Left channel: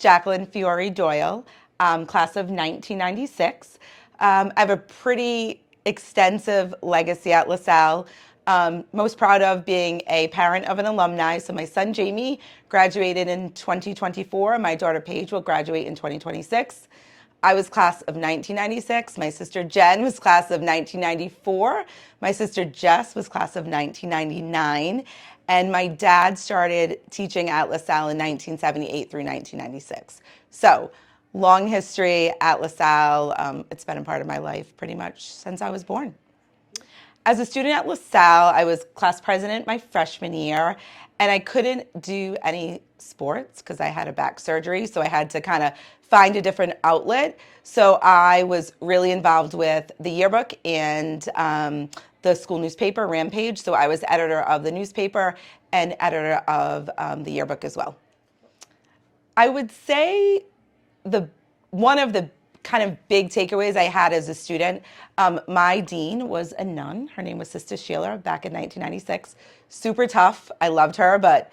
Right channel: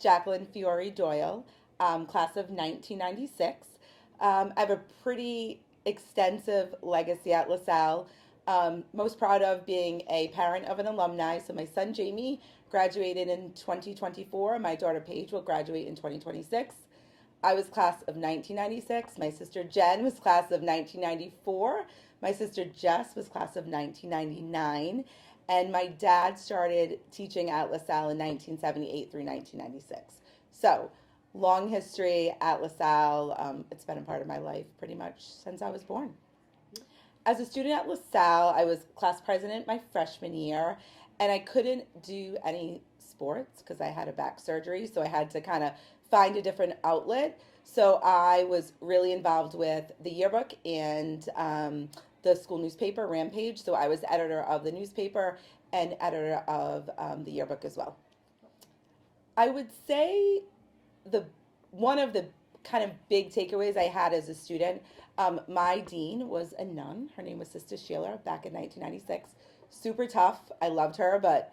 Jacqueline Fiore Doyle, class of 1996. I have a pretty extensive legacy at LaSalle. Most proud of being a parent of an alumni. So my son Jamie graduated in 2024. My daughter Paige will graduate in 2026. I was class of 1996. My sister Jen was class of 1994. My sister Jess was class of 1999. And my dad started teaching at LaSalle in 1978 through 1996. So long history at LaSalle. It's been a part of my life pretty much since I was born. As a student at LaSalle, I was class president my freshman year, and I couldn't do any sports because I had a back surgery, so I had to kind of find a different outlet. So I was really involved with the yearbook and the school newspaper, Rampage. So I was editor of the newspaper and editor of the yearbook as well. I would say one of the kind of big takeaways I had as a student, my dean was a nun. Her name was Sister Sheila back in 1996. Super tough. I loved her, but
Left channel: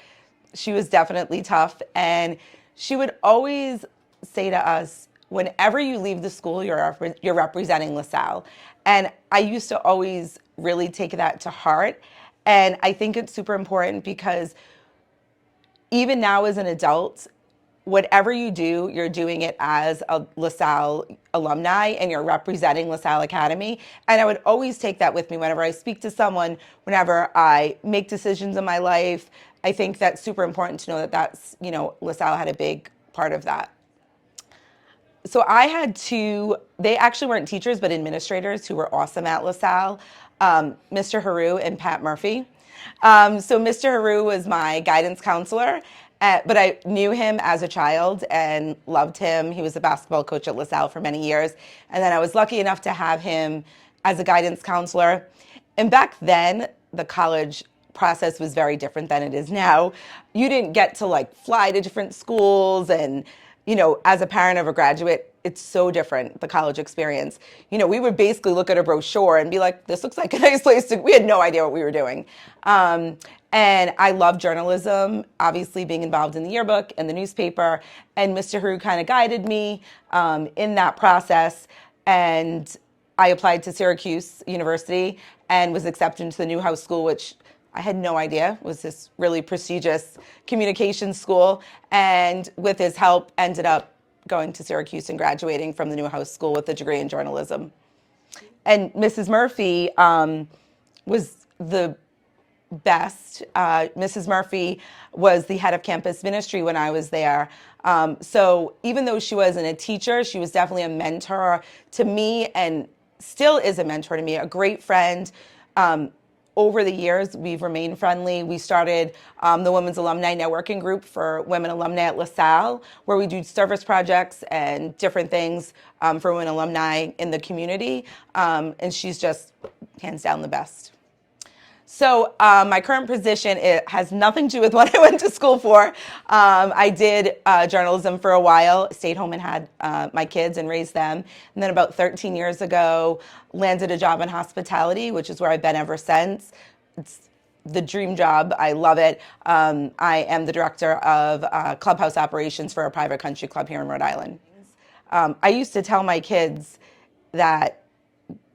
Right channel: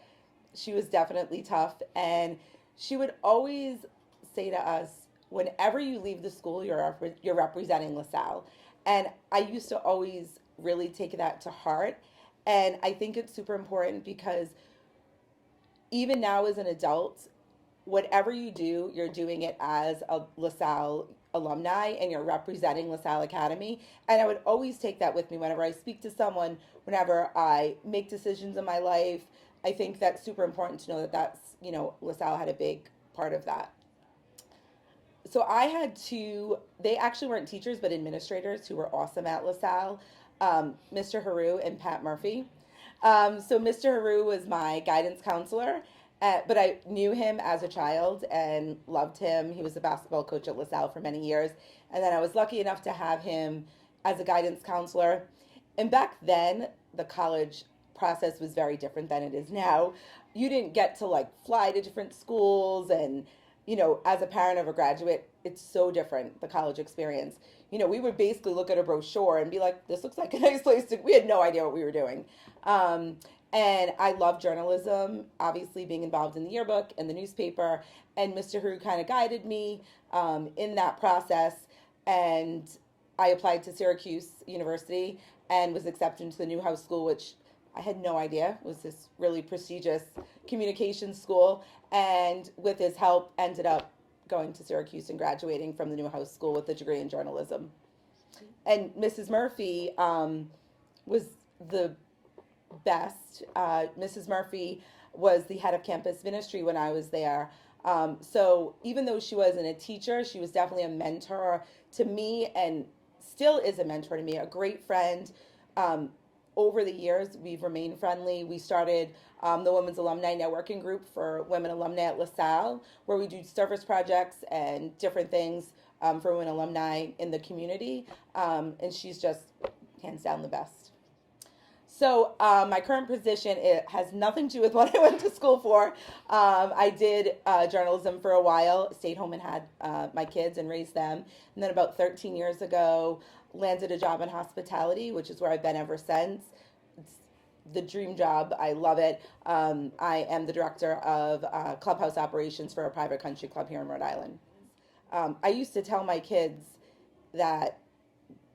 she was definitely tough. And she would always say to us, whenever you leave the school, you're representing LaSalle. And I used to always really take that to heart. And I think it's super important because even now as an adult, whatever you do, you're doing it as a LaSalle alumni and you're representing LaSalle Academy. And I would always take that with me whenever I speak to someone, whenever I make decisions in my life. I think that's super important to know that LaSalle had a big part of that. So I had they actually weren't teachers, but administrators who were awesome at LaSalle, Mr. Haru and Pat Murphy. So Mr. Haru was my guidance counselor. But I knew him as a child and loved him. He was a basketball coach at LaSalle for many years. And then I was lucky enough to have him as a guidance counselor. And back then, the college process was very different than it is now. You didn't get to fly to different schools. And, as a parent of a graduate, it's so different, the college experience. We would basically look at a brochure and be like, this looks like a nice place we had no idea what we were doing. And I love journalism, obviously being involved in the yearbook and the newspaper. And Mr. Haru kind of guided me in that process. And I applied to Syracuse University and was accepted into the Newhouse School, which I had no idea was this really prestigious communications school. And with his help, ended up going to Syracuse and graduating from the Newhouse School with a degree in journalism. And Mrs. Murphy was the best. Mrs. Murphy was the head of campus ministry when I was there. So even though she wasn't a teacher, she was definitely a mentor to me and still is a mentor to me, a great friend. Over the years, we've remained friendly. We started the Women's Alumni Networking Group for women alumni at LaSalle, where we do service projects and different things for women alumni in the community. And she's just hands down the best. So my current position, it has nothing to do with what I went to school for. I did journalism for a while, stayed home and had my kids and raised them. And then about 13 years ago, landed a job in hospitality, which is where I've been ever since. It's the dream job. I love it. I am the director of clubhouse operations for a private country club here in Rhode Island. I used to tell my kids that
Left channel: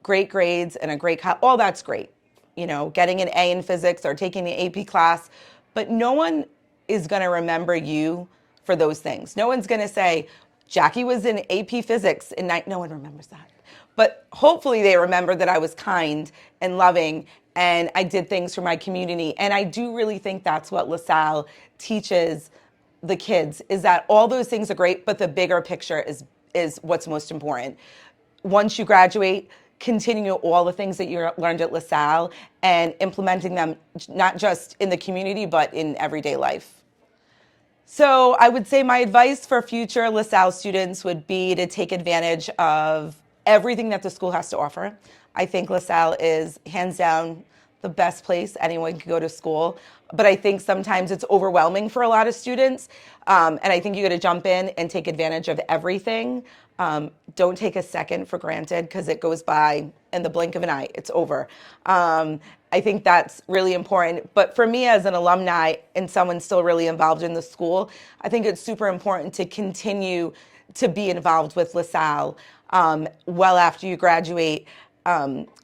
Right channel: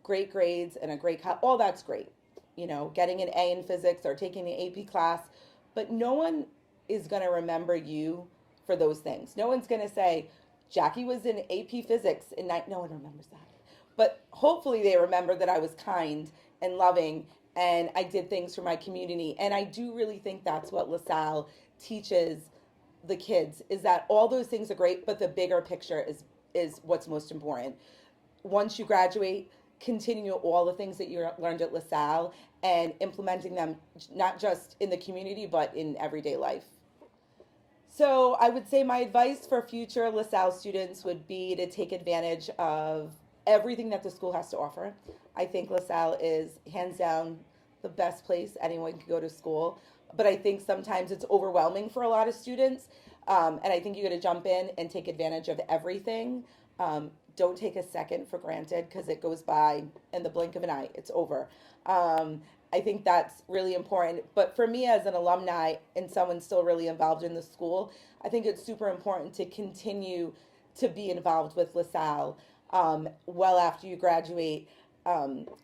great grades and all that's great. Getting an A in physics or taking the AP class, but no one is going to remember you for those things. No one's going to say, Jackie was in AP physics in no one remembers that. But hopefully they remember that I was kind and loving and I did things for my community. And I do really think that's what LaSalle teaches the kids, is that all those things are great, but the bigger picture is what's most important. Once you graduate, continue all the things that you learned at LaSalle and implementing them not just in the community, but in everyday life. So I would say my advice for future LaSalle students would be to take advantage of everything that the school has to offer. I think LaSalle is hands down the best place anyone can go to school. But I think sometimes it's overwhelming for a lot of students. And I think you got to jump in and take advantage of everything. Don't take a second for granted because it goes by in the blink of an eye. It's over. I think that's really important. But for me as an alumni and someone still really involved in the school, I think it's super important to continue to be involved with LaSalle well after you graduate.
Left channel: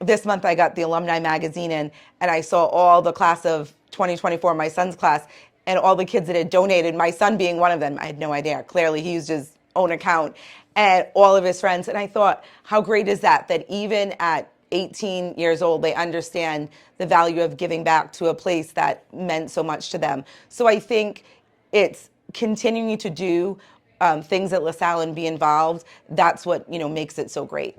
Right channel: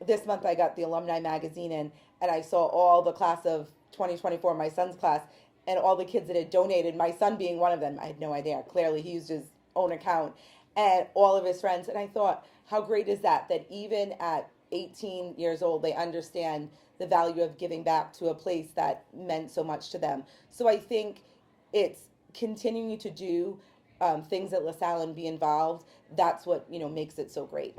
This month I got the alumni magazine in, and I saw all the class of 2024, my son's class, and all the kids that had donated, my son being one of them. I had no idea. Clearly, he used his own account, and all of his friends. And I thought, how great is that, that even at 18 years old, they understand the value of giving back to a place that meant so much to them. So I think it's continuing to do things at LaSalle and be involved. That's what makes it so great.